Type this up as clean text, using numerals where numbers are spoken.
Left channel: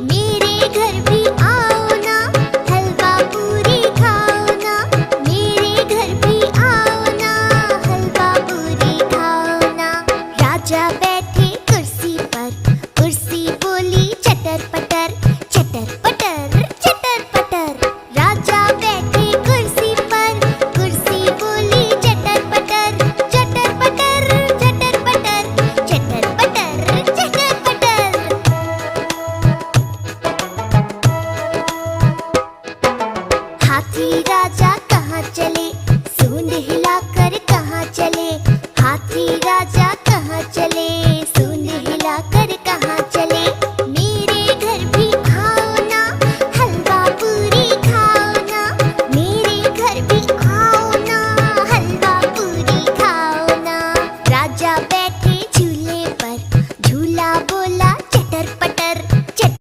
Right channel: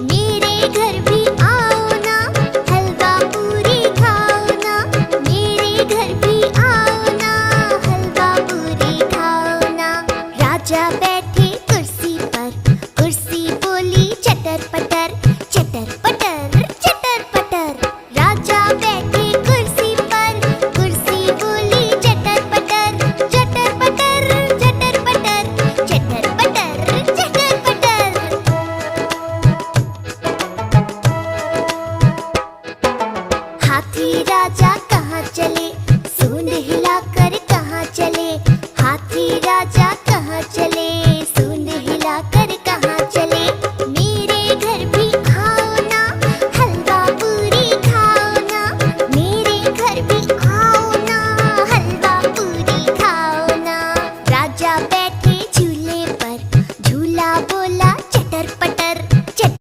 मेरे घर भी आओ ना, हलवा पूरी खाओ ना। मेरे घर भी आओ ना, हलवा पूरी खाओ ना। राजा बैठे कुर्सी पर, कुर्सी बोली चटर पटर, चटर पटर चटर पटर। राजा बैठे कुर्सी पर, कुर्सी बोली चटर पटर, चटर पटर चटर पटर, चटर पटर चटर पटर। हाथी राजा कहाँ चले, सूंड हिलाकर कहाँ चले। हाथी राजा कहाँ चले,